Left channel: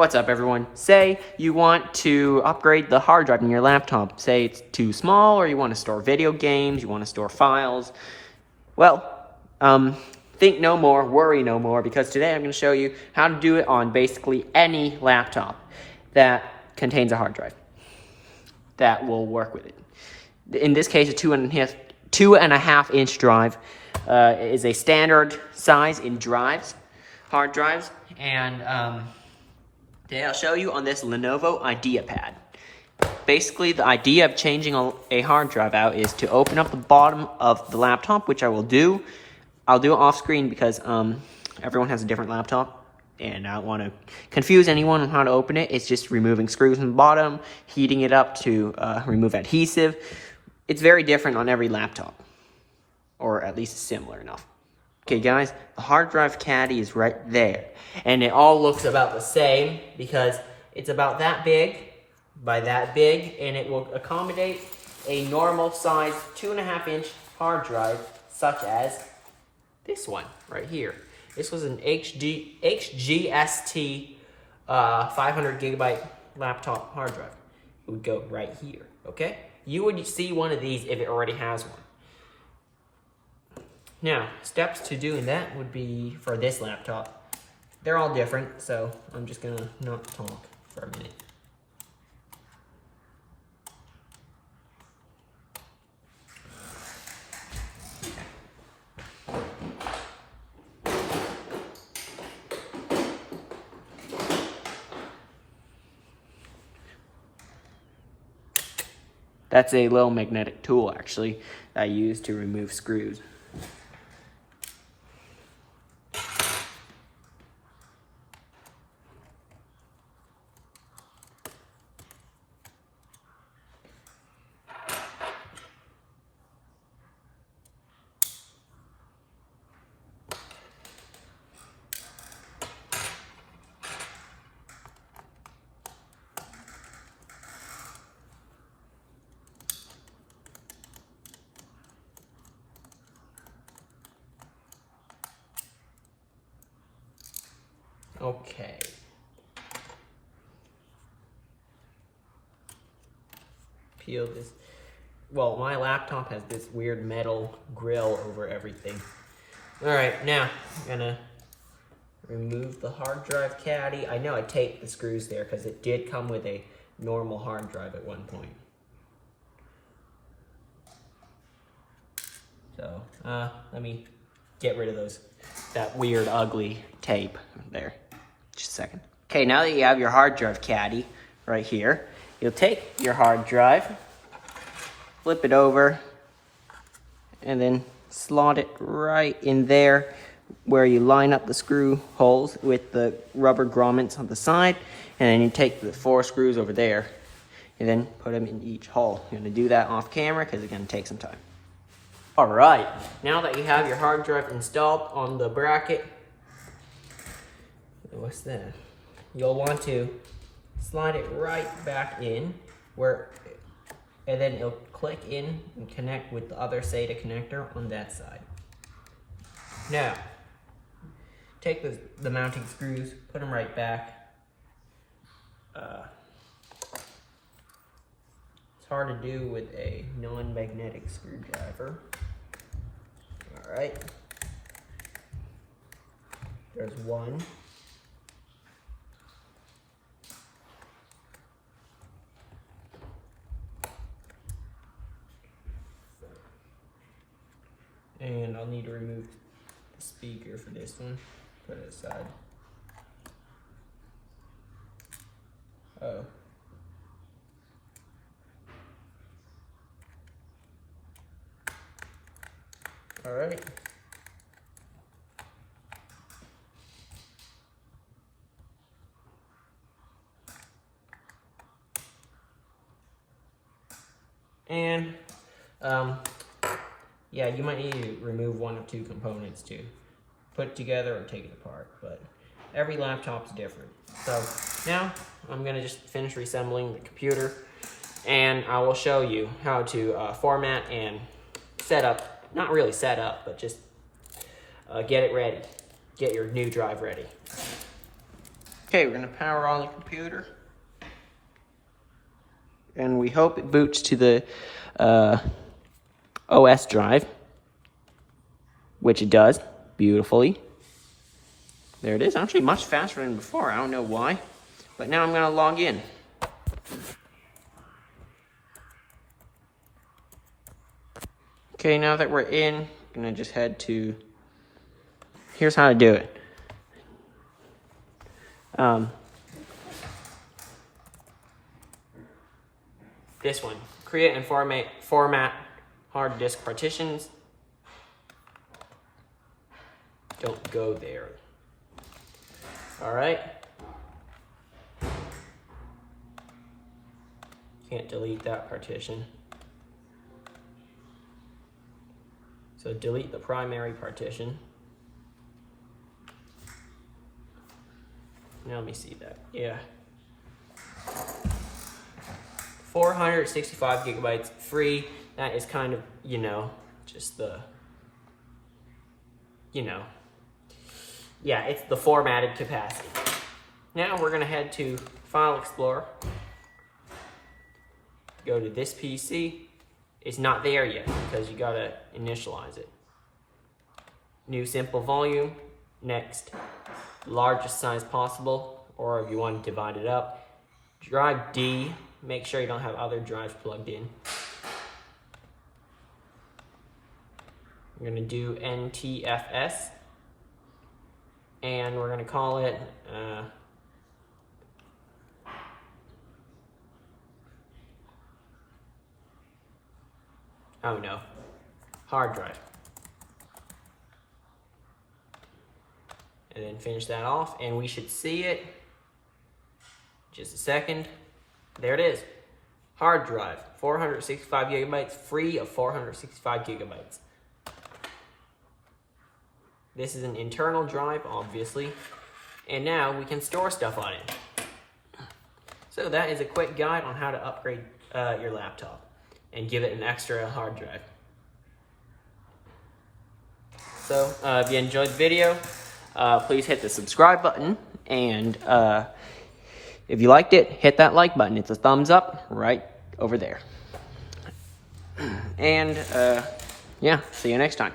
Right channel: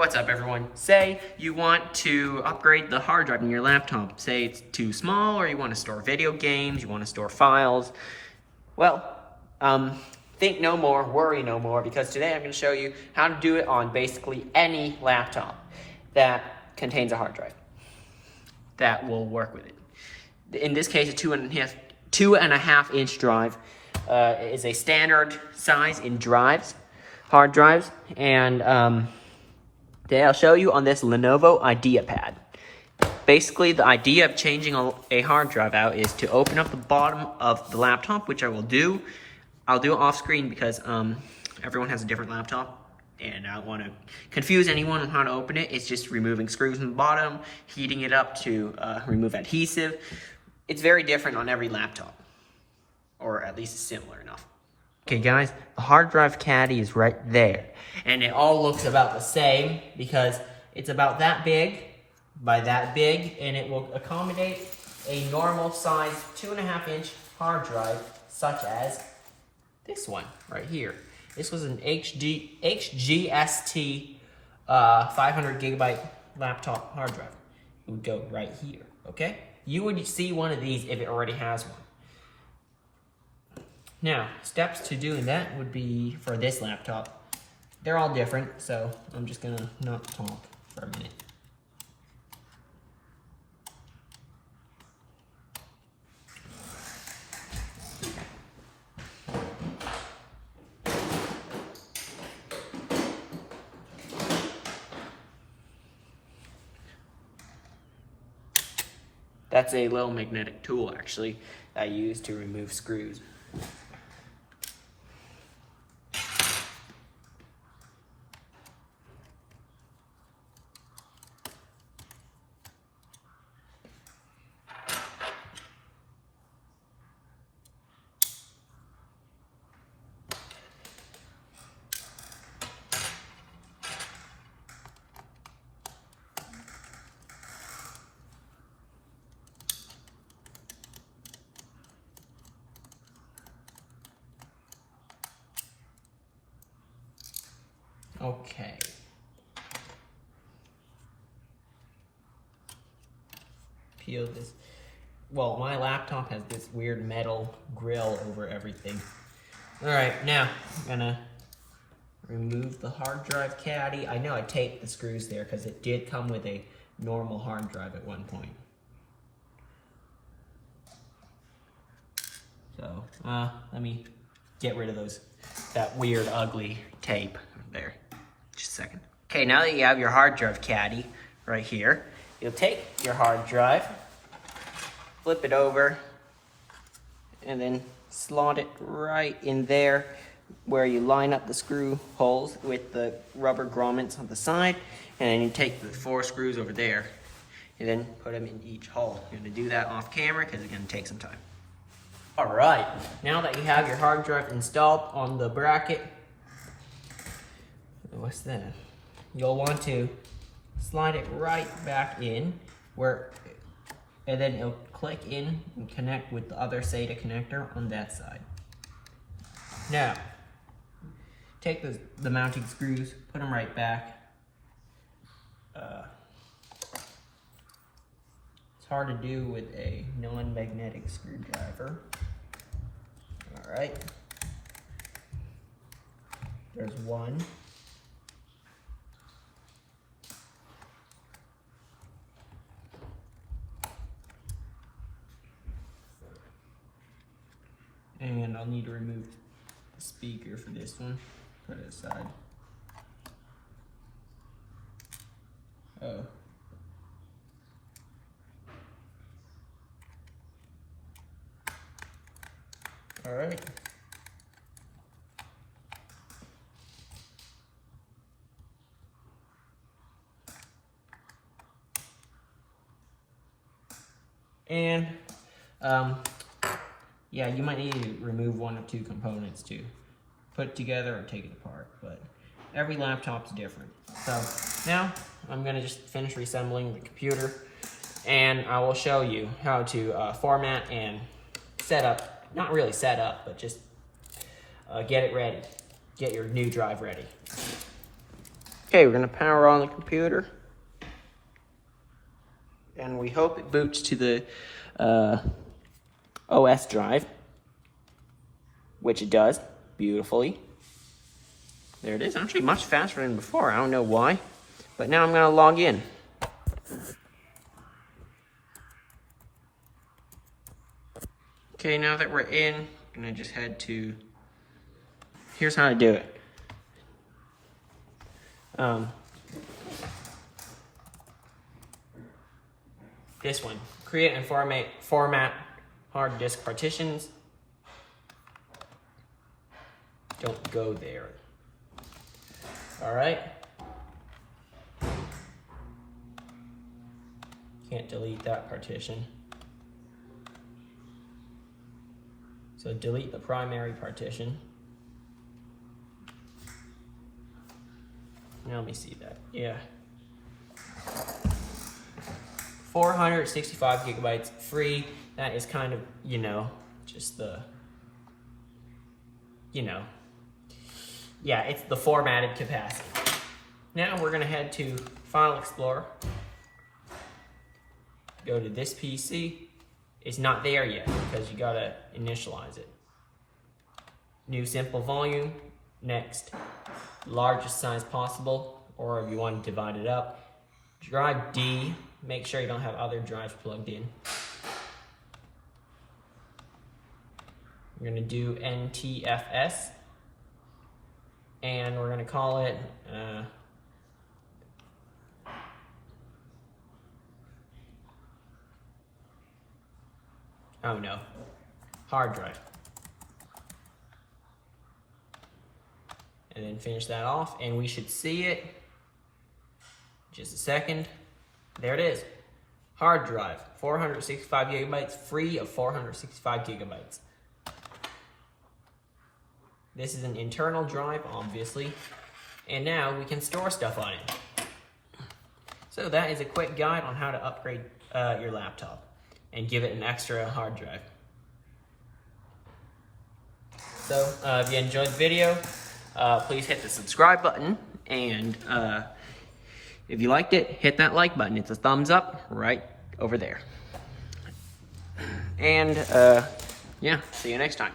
What's up, everyone? Say you want to upgrade the hard drive in your laptop. Say it's too small, or you want to store video games, you want to store files. Well, think no more, worry no more, because today I'm going to show you how to do it on basically any laptop that contains a hard drive that will work with it. In this case, a 2.5 inch drive is a standard size in hard drives, and I'll show you on this Lenovo IdeaPad. Basically, the idea of changing a hard drive out is to open up the bottom of the laptop, which I will do. I'll do it off screen because everyone has a different laptop, and I don't want to confuse anyone on how to open it. It's just removing screws from the bottom, heating it up to remove adhesive. It's very different on every laptop, or at least similar enough. Okay, guys, the hard drive caddy is right there. And it all looks about the same because it's about that big by that big, and it will accommodate a normal size 2.5 inch hard drive, such as this one right here. This was an HGST 500 gigabyte laptop hard drive. It would go right here, okay? You would see one of these if it already has one. Now, steps to doing that would be for this laptop. They're all different, so I'm just gonna not talk for a minute. That's a little magnetic tool, actually, that I use to remove screws. Okay. Peel this. Well, my laptop has this weird metal grill over everything. All right, now I'm gonna remove the hard drive caddy. I know I taped the screws there because it did come with a normal hard drive at one point. So let me get rid of that weird, ugly tape there. Just a second. Okay, now that you have your hard drive caddy right here, you'll take your hard drive, flip it over, and then slot it right in there where you line up the screw holes with the rubber grommets on the side, and then you take the 4 screws over there and then put them in each hole. You're gonna do that off camera because it's gonna take some time. All right, now that you have your hard drive installed on the bracket, what's that? You'll want to slide it right back in and then it'll click in and connect with the other SATA connector on that side. Now, take the mounting screws, put them right back. It's hard to do with a non-magnetic screwdriver. All right. There's one. And I'll need to remove the speaker for this one. Put it aside. Oh. All right. And yeah, you might need to remove one or two components to put together or take it apart, but every laptop's different. So now I'm gonna just finish reassembling the computer, and I will show you how to format and set up, not really set up, but just get it ready. Get your new drive ready. Okay, we're gonna power on the computer. And we hope it boots to the OS drive, which it does beautifully. There it is, actually much faster than before. I don't know why, but now I'm gonna log in. Okay, now that we're in, I'm gonna just head to, here's how to do it. This one, create and format hard disk partitions. Don't go there. All right. Can't delete that partition. So delete the primary partition. Now let me see that. Yeah. 465 gigabytes free. That is kind of, you know, just the, you know, yeah, it's the formatted capacity. Now we're gonna head to File Explorer. Go to this PC. It's not there yet because you gotta initialize it. New simple volume. Next, largest size possible, or if you want to divide it up. Drive D. Make sure you don't have other drives plugged in. We're gonna do NTFS, and we're gonna call it oh no, hard drive. And then finish that off, and we should see it. Just a second. There it is. Hard drive, 465 gigabytes, free of 465 gigabytes. This is an internal drive, obviously. And now we can store stuff on it. So that is a quick guide on how to upgrade your laptop and give it an extra hard drive. So if you enjoyed the video, please hit the subscribe button, and if you liked it, hit that like button. It's a thumbs up right over there. And yeah, see you next time.